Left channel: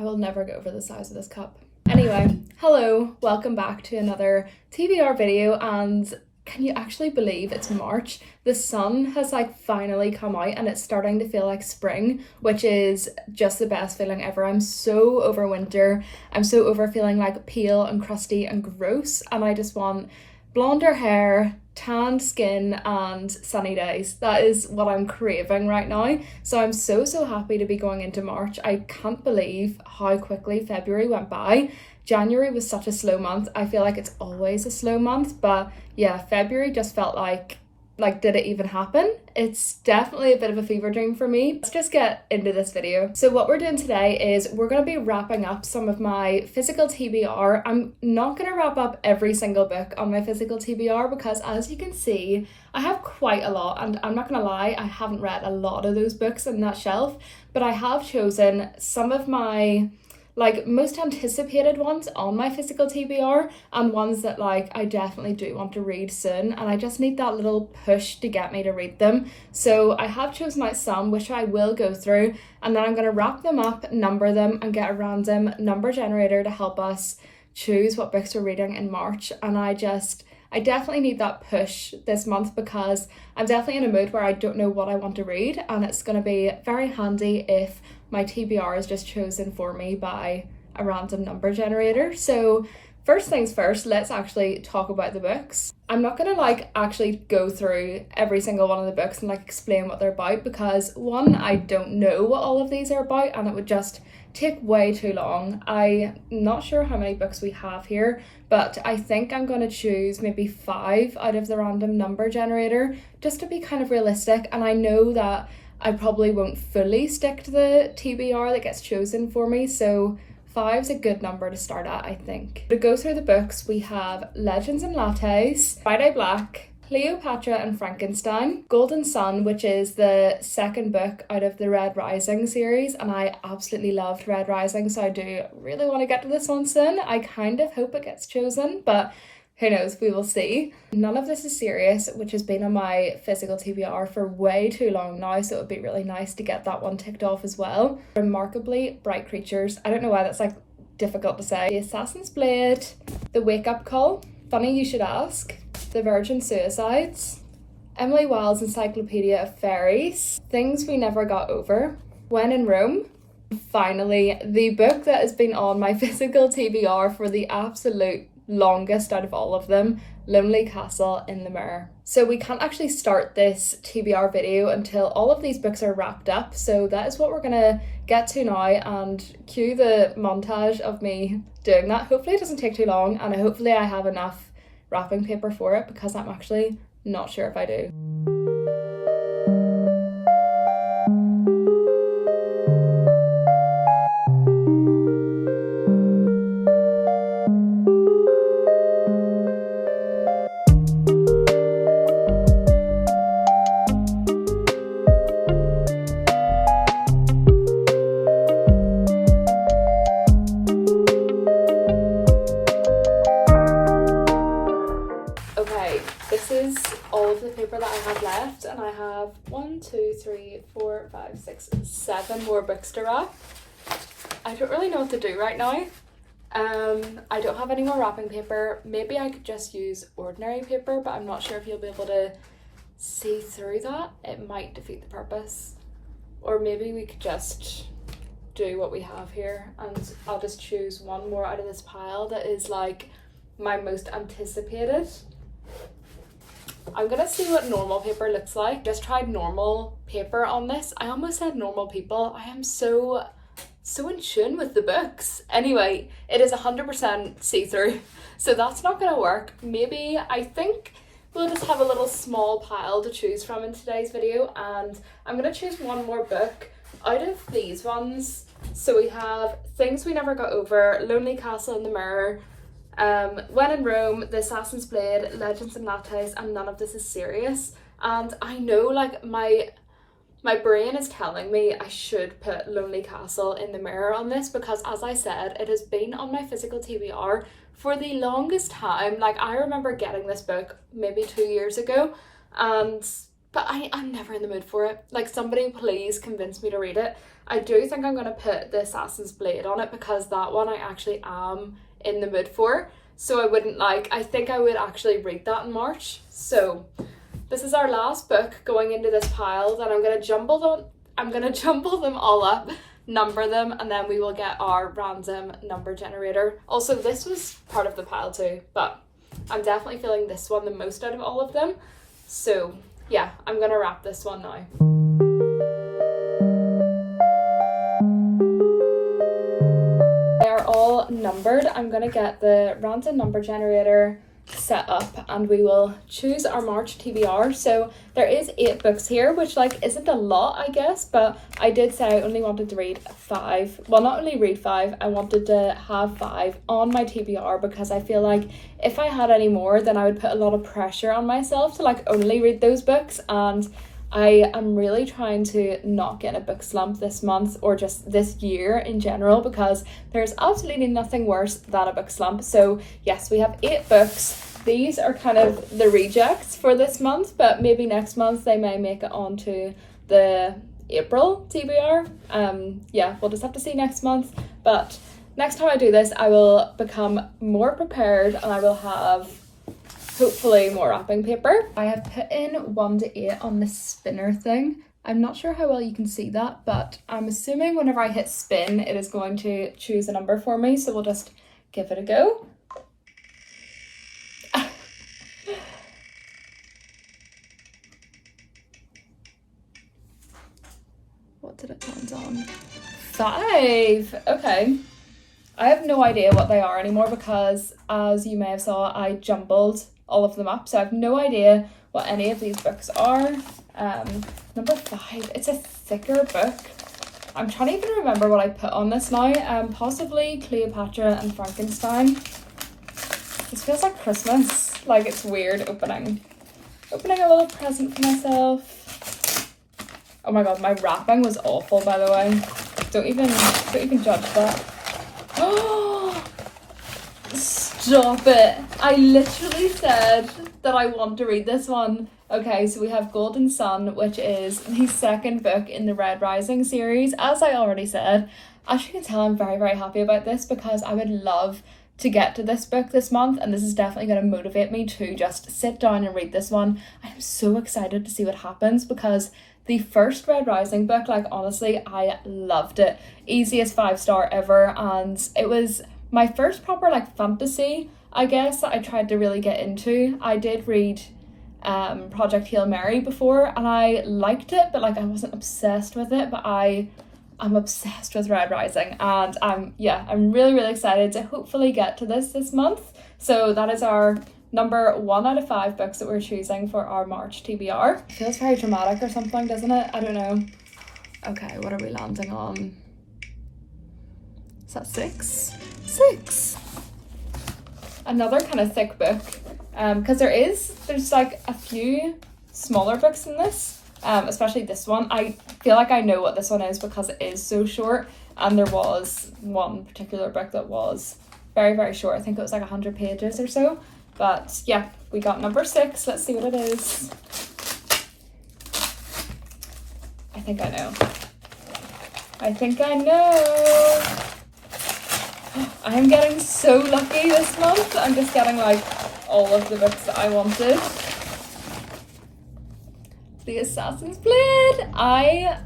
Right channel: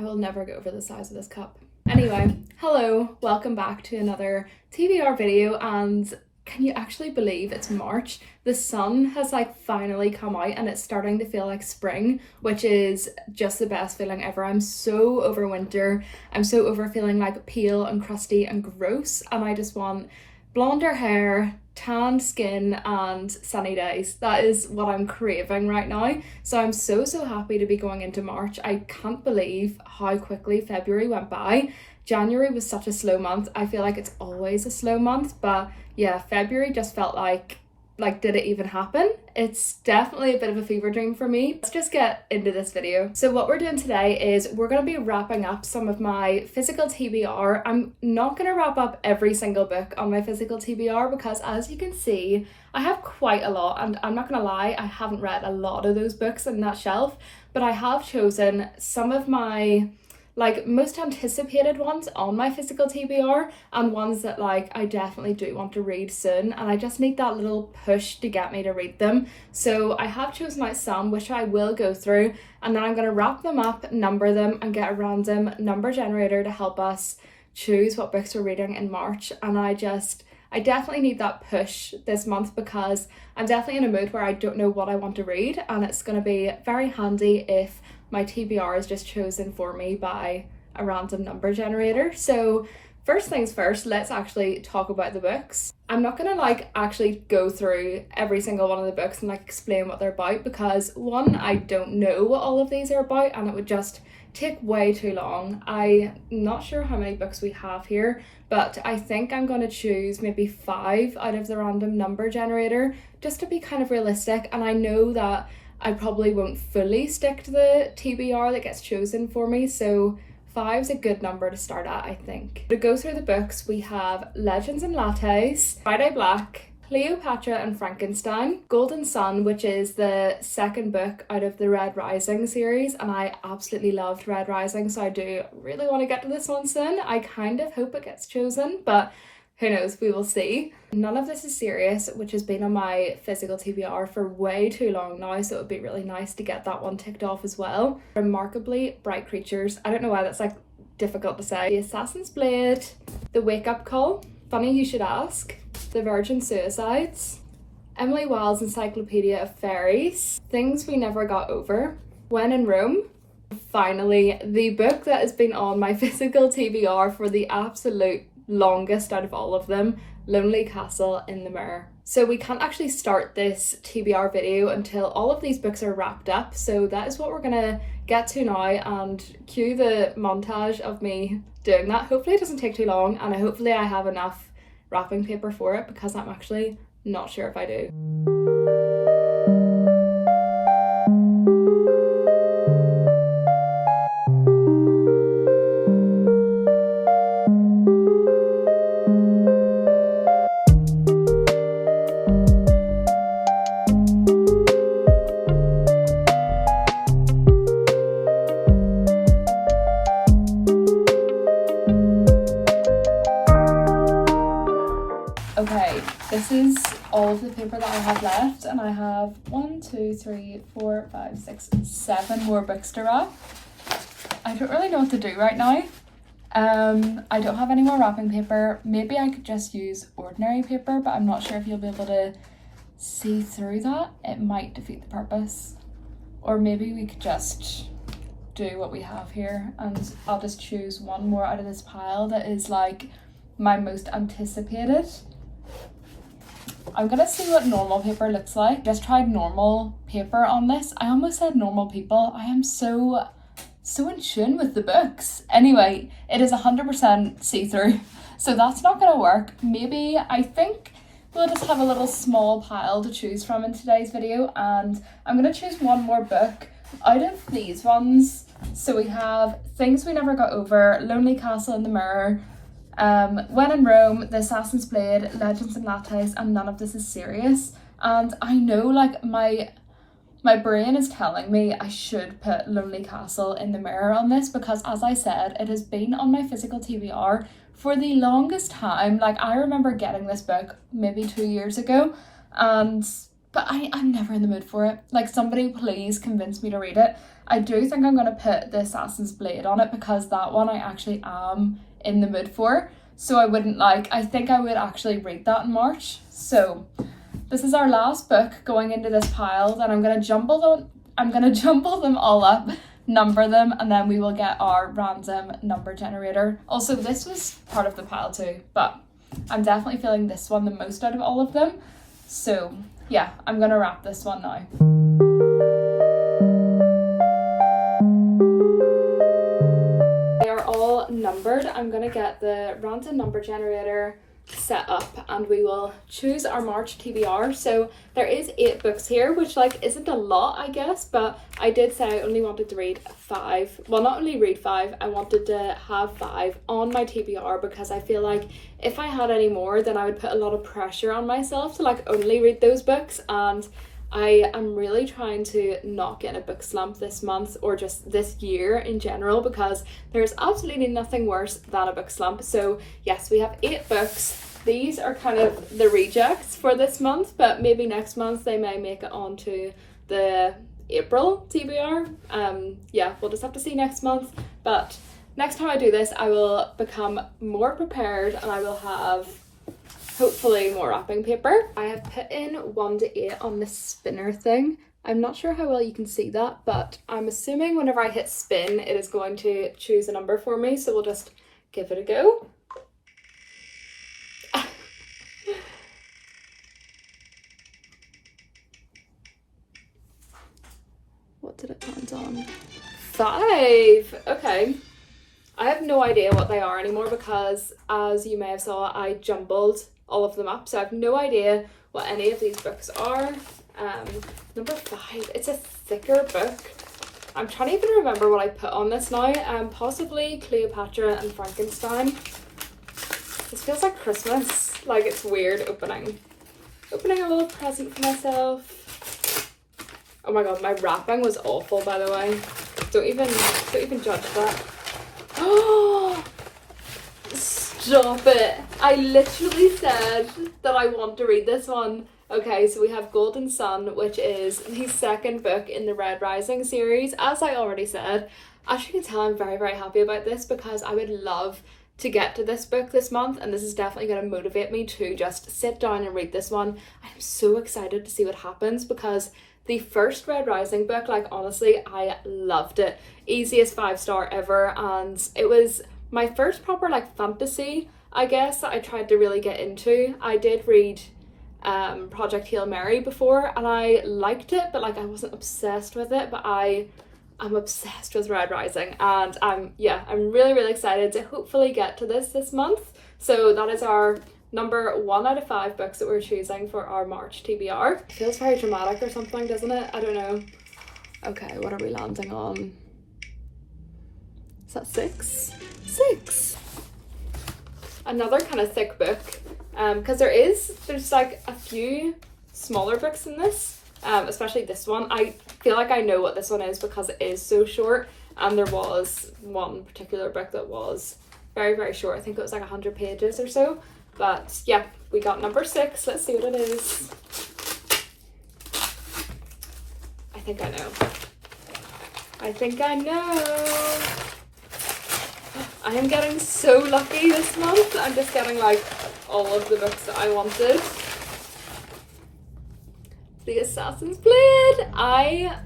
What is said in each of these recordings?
I will never get over the size of this cup. Anyway, hello, welcome back to another TBR video, and can you actually believe it's March? The sun has finally come out and it's starting to feel like spring, which is just the best feeling ever. I'm so over winter. I'm so over feeling pale and crusty and gross, and I just want blonder hair, tanned skin and sunny days. That is what I'm craving right now. So I'm so happy to be going into March. I can't believe how quickly February went by. January was such a slow month. I feel like it's always a slow month, but yeah, February just felt like did it even happen? It's definitely a bit of a fever dream for me. Let's just get into this video. So what we're doing today is we're going to be wrapping up some of my physical TBR. I'm not going to wrap up every single book on my physical TBR because, as you can see, I have quite a lot, and I'm not going to lie, I haven't read a lot of those books in that shelf, but I have chosen some of my most anticipated ones on my physical TBR and ones that I definitely do want to read soon, and I just need that little push to get me to read them. So I have chosen out some which I will go through, and then I'm going to wrap them up, number them, and get a random number generator to help us choose what books we're reading in March. And I definitely need that push this month because I'm definitely in a mood where I don't know what I want to read, and it's going to be very handy if my TBR is just chosen for me by a random number generator. So first things first, let's actually talk about the books. I'm not going to actually go through every single one of the books and explain what they're about because one, I don't know what all of these are about and it would just take way too long. I'm not sure how many books we have here, but I think I'm going to choose maybe 5 out of the random number generator just to be kind of realistic, and I know that I probably won't fully stick to the TBR that gets chosen for me, so 5's a good number to start at, I think. To go through the books, we have Legends and Lattes, Friday Black, Cleopatra and Frankenstein, Golden Sun, which is the second book out of the Red Rising series, and I absolutely loved Red Rising, so I do really want to get to this one soon. I kind of hope it gets chosen, but who knows, we will see. None of This Is Serious, which has been on my physical TBR for way too long now, so it would be really nice to get that one ticked off as well. Remarkably Bright Creatures, I don't know why that's difficult to say. The Assassin's Blade, The Wake Up Call, Funny You Should Ask, The Virgin Suicides, Emily Wilde's Encyclopedia of Fairies, Things We Never Got Over, When in Rome. Finally, the book that has been on my physical TBR for the absolute longest out of all of them, Lonely Castle in the Mirror. So we can't actually start this TBR video until all of these books are wrapped up, so that is what we're gonna get to now, and cue the montage of me doing that. Hopefully it doesn't take too long, and hopefully I have enough wrapping paper for it because I'm actually not sure if I do. Okay, this is all of the paper that I have left, and I have 1, 2, 3, 4, 5, 6, 7 more books to wrap. I don't really know what to do right now. I don't have any more wrapping paper. Maybe I could just use ordinary paper, but I'm not sure if you'll be able to see through that. It might defeat the purpose. Or maybe we could just do what we have here, and I'll just choose one more out of this pile that is my most anticipated. I'm gonna see what normal paper looks like. Just tried normal paper on this. I almost said normal people. I am so in tune with the books. Anyway, it is 100% see-through, so that's not gonna work. Maybe, I think we'll just have a little small pile to choose from in today's video, and I'm gonna choose one more book out of these ones. So we have Things We Never Got Over, Lonely Castle in the Mirror, When in Rome, The Assassin's Blade, Legends and Lattes, and None of This Is Serious. And I know my brain is telling me I should put Lonely Castle in the Mirror on this because, as I said, it has been on my physical TBR for the longest time. I remember getting this book maybe 2 years ago, and but I'm never in the mood for it. Like, somebody please convince me to read it. I do think I'm going to put the Assassin's Blade on it because that one I actually am in the mood for. So I think I would actually read that in March. So this is our last book going into this pile. Then I'm going to jumble them all up, number them, and then we will get our random number generator. Also, this was part of the pile too, but I'm definitely feeling this one the most out of all of them. So yeah, I'm going to wrap this one now. All numbered. I'm gonna get the random number generator set up and we will choose our March TBR. So there is 8 books here, which like isn't a lot, I guess, but I did say I only wanted to read 5. Well, not only read 5, I wanted to have 5 on my TBR because I feel like if I had any more, then I would put a lot of pressure on myself to like only read those books, and I am really trying to not get a book slump this month or just this year in general, because there's absolutely nothing worse than a book slump. So yes, we have 8 books. These are kind of the rejects for this month, but maybe next month they may make it onto the April TBR. Yeah, we'll just have to see next month. But next time I do this, I will become more prepared and I will have hopefully more wrapping paper. I have put in 1 to 8 on the spinner thing. I'm not sure how well you can see that, but I'm assuming whenever I hit spin, it is going to choose a number for me. So we'll just give it a go. What did it land on? 5. Okay. I have no idea what they are anymore because, as you may have saw, I jumbled all of them up, so I have no idea what any of these books are. Number 5, it's a thicker book. I'm trying to even remember what I put on this now. Possibly Cleopatra and Frankenstein. This feels like Christmas. Like, it's weird opening a little present for myself. Oh my god, my wrapping was awful, by the way. Don't even judge that. Oh, stop it. I literally said that I want to read this one. Okay, so we have Golden Sun, which is the second book in the Red Rising series. As I already said, as you can tell, I'm very, very happy about this because I would love to get to this book this month, and this is definitely going to motivate me to just sit down and read this one. I'm so excited to see what happens because the first Red Rising book, like, honestly, I loved it. Easiest 5-star ever, and it was my first proper, like, fantasy, I guess, that I tried to really get into. I did read Project Hail Mary before, and I liked it, but, like, I wasn't obsessed with it, but I'm obsessed with Red Rising, and I'm really, really excited to hopefully get to this month. So that is our number 1 out of 5 books that we're choosing for our March TBR. It feels very dramatic or something, doesn't it? I don't know. Okay, what are we landing on? Is that 6? 6. Another kind of thick book, because there's like a few smaller books in this, especially this one. I feel like I know what this one is because it is so short, and there was one particular book that was very, very short. I think it was like 100 pages or so. But yeah, we got number 6. Let's see what it is. I think I know. I am getting so lucky this month. I'm just getting like all of the books that I wanted. The Assassin's Blade. I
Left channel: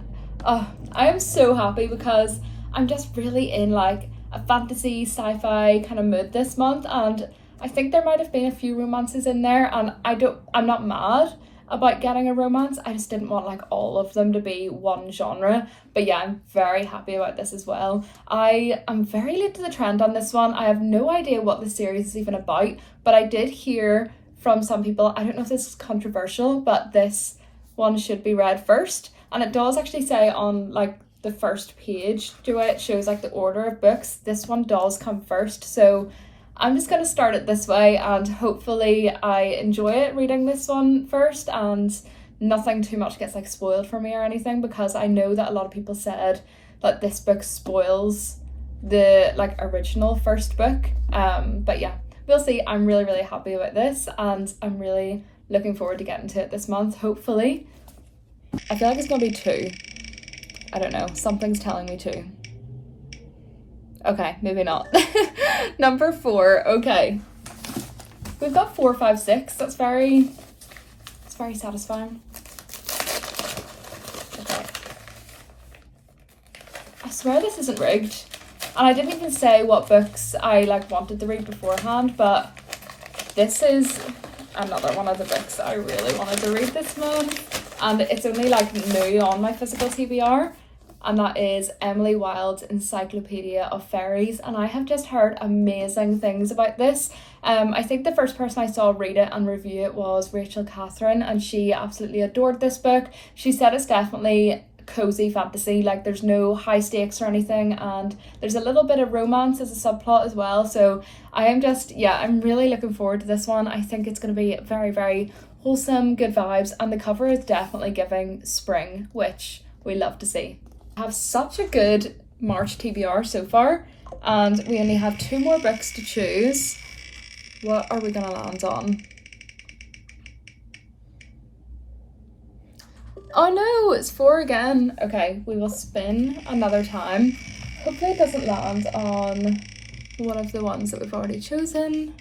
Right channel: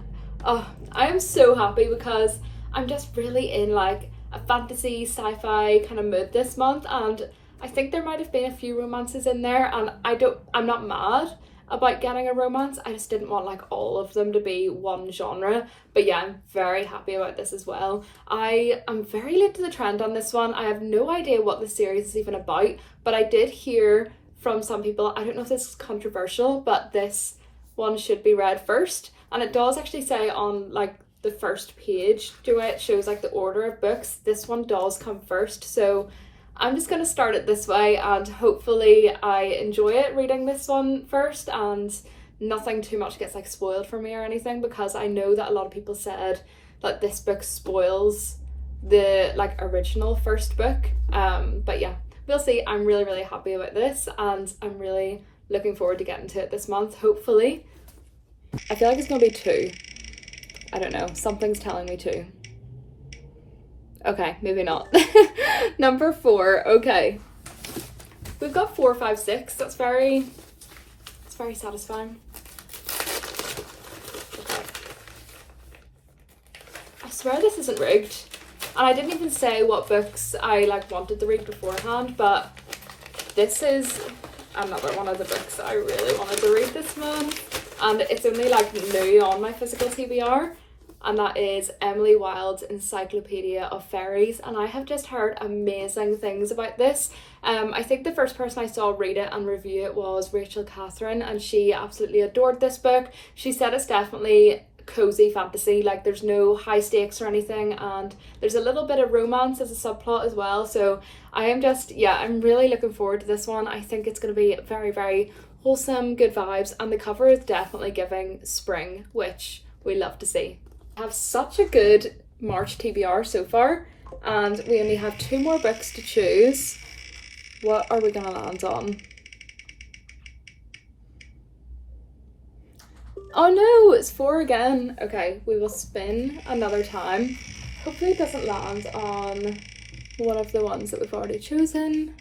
am so happy because I'm just really in like a fantasy sci-fi kind of mood this month, and I think there might have been a few romances in there, and I'm not mad about getting a romance. I just didn't want like all of them to be one genre. But yeah, I'm very happy about this as well. I am very late to the trend on this one. I have no idea what the series is even about, but I did hear from some people, I don't know if this is controversial, but this one should be read first. And it does actually say on like the first page, the way it shows like the order of books, this one does come first. So I'm just going to start it this way, and hopefully I enjoy it reading this one first and nothing too much gets like spoiled for me or anything, because I know that a lot of people said that this book spoils the like original first book. But yeah, we'll see. I'm really, really happy about this, and I'm really looking forward to getting to it this month, hopefully. I feel like it's gonna be 2. I don't know, something's telling me 2. Okay, maybe not. Number 4, okay. We've got 4, 5, 6. It's very satisfying. Okay. I swear this isn't rigged. And I didn't even say what books I wanted to read beforehand, but this is another one of the books I really wanted to read this month. And it's only new on my physical TBR. And that is Emily Wilde's Encyclopedia of Fairies. And I have just heard amazing things about this. I think the first person I saw read it and review it was Rachel Catherine, and she absolutely adored this book. She said it's definitely cozy fantasy, there's no high stakes or anything, and there's a little bit of romance as a subplot as well. So I'm really looking forward to this one. I think it's going to be very, very wholesome, good vibes, and the cover is definitely giving spring, which we love to see. I have such a good March TBR so far, and we only have 2 more books to choose. What are we gonna land on? Oh no, it's 4 again. Okay, we will spin another time. Hopefully it doesn't land on one of the ones that we've already chosen.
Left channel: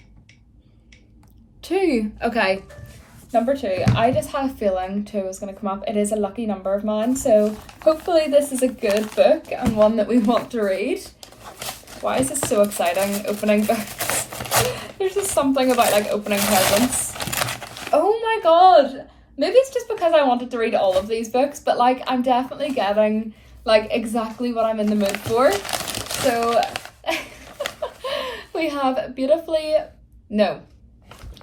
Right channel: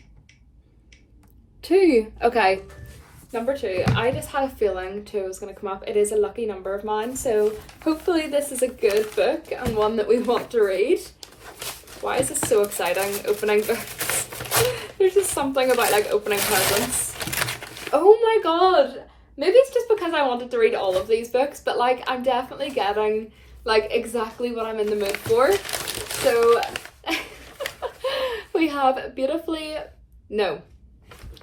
2, okay. Number 2, I just had a feeling 2 was going to come up. It is a lucky number of mine, so hopefully this is a good book and one that we want to read. Why is this so exciting, opening books? There's just something about opening presents. Oh my god! Maybe it's just because I wanted to read all of these books, but I'm definitely getting exactly what I'm in the mood for. So we have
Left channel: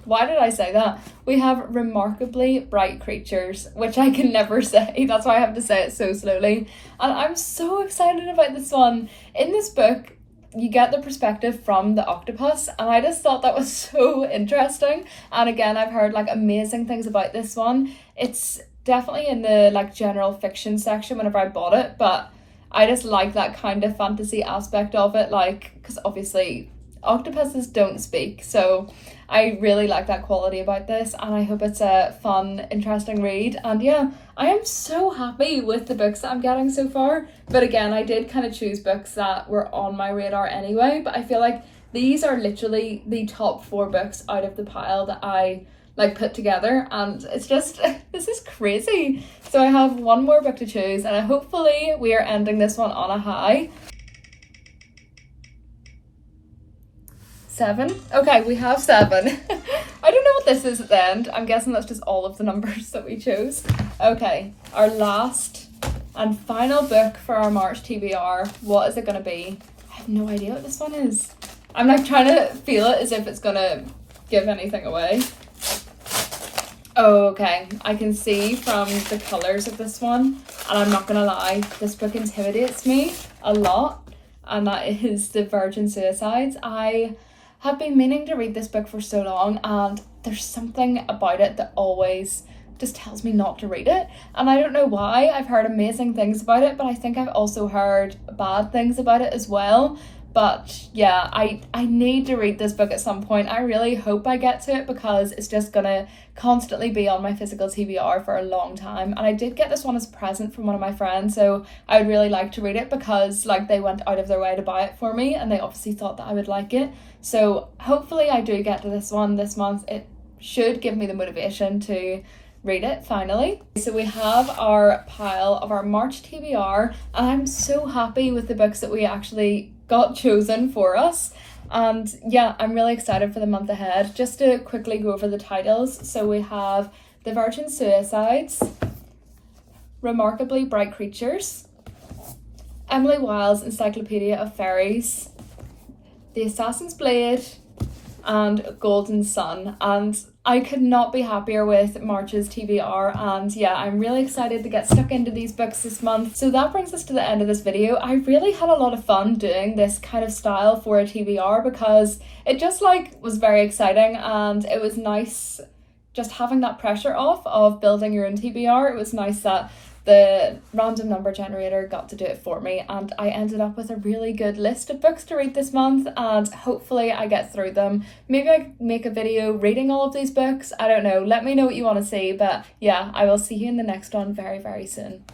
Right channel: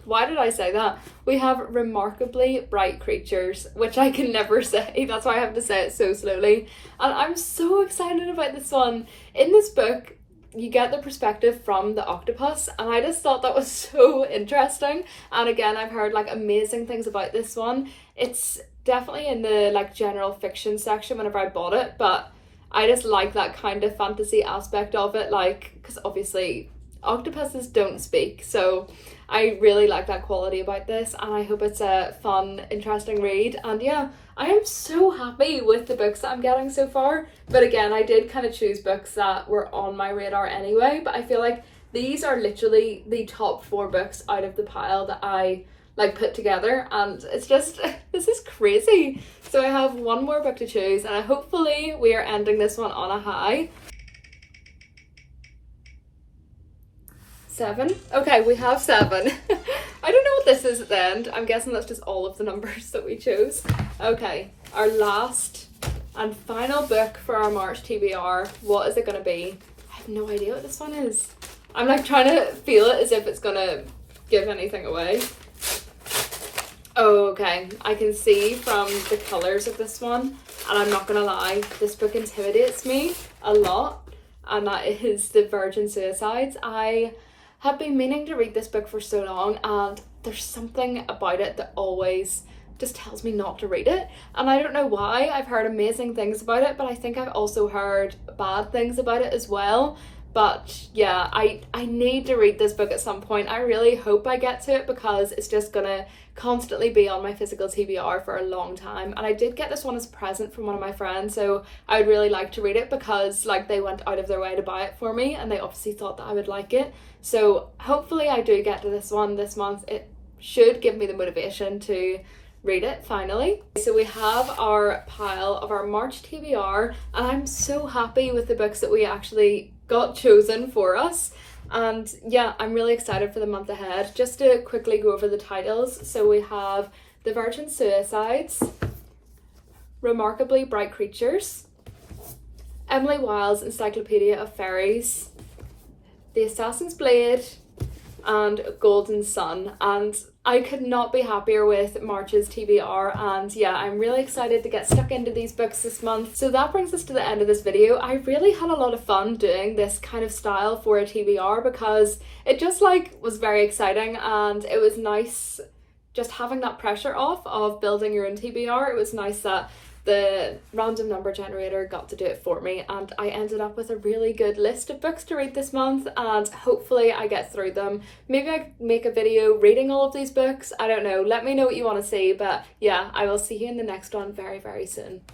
why did I say that? We have Remarkably Bright Creatures, which I can never say. That's why I have to say it so slowly. And I'm so excited about this one. In this book, you get the perspective from the octopus, and I just thought that was so interesting. And again, I've heard amazing things about this one. It's definitely in the general fiction section whenever I bought it, but I just like that kind of fantasy aspect of it, because obviously octopuses don't speak, so I really like that quality about this, and I hope it's a fun, interesting read. And yeah, I am so happy with the books that I'm getting so far. But again, I did kind of choose books that were on my radar anyway, but I feel like these are literally the top 4 books out of the pile that I put together, and it's just this is crazy. So I have 1 more book to choose, and hopefully we are ending this one on a high. 7. Okay, we have 7. I don't know what this is at the end. I'm guessing that's just all of the numbers that we chose. Okay, our last and final book for our March TBR. What is it going to be? I have no idea what this one is. I'm trying to feel it as if it's going to give anything away. Okay, I can see from the colours of this one, and I'm not going to lie, this book intimidates me a lot, and that is The Virgin Suicides. I have been meaning to read this book for so long, and there's something about it that always just tells me not to read it, and I don't know why. I've heard amazing things about it, but I think I've also heard bad things about it as well. But yeah, I need to read this book at some point. I really hope I get to it, because it's just gonna constantly be on my physical TBR for a long time. And I did get this one as a present from one of my friends, so I would really like to read it, because they went out of their way to buy it for me, and they obviously thought that I would like it. So hopefully I do get to this one this month. It should give me the motivation to read it finally. So we have our pile of our March TBR, and I'm so happy with the books that we actually got chosen for us. And yeah, I'm really excited for the month ahead. Just to quickly go over the titles. So we have The Virgin Suicides, Remarkably Bright Creatures, Emily Wilde's Encyclopedia of Fairies, The Assassin's Blade, and Golden Sun. And I could not be happier with March's TBR, and yeah, I'm really excited to get stuck into these books this month. So that brings us to the end of this video. I really had a lot of fun doing this kind of style for a TBR, because it just was very exciting, and it was nice just having that pressure off of building your own TBR. It was nice that the random number generator got to do it for me, and I ended up with a really good list of books to read this month, and hopefully I get through them. Maybe I make a video reading all of these books. I don't know. Let me know what you want to see, but yeah, I will see you in the next one very, very soon.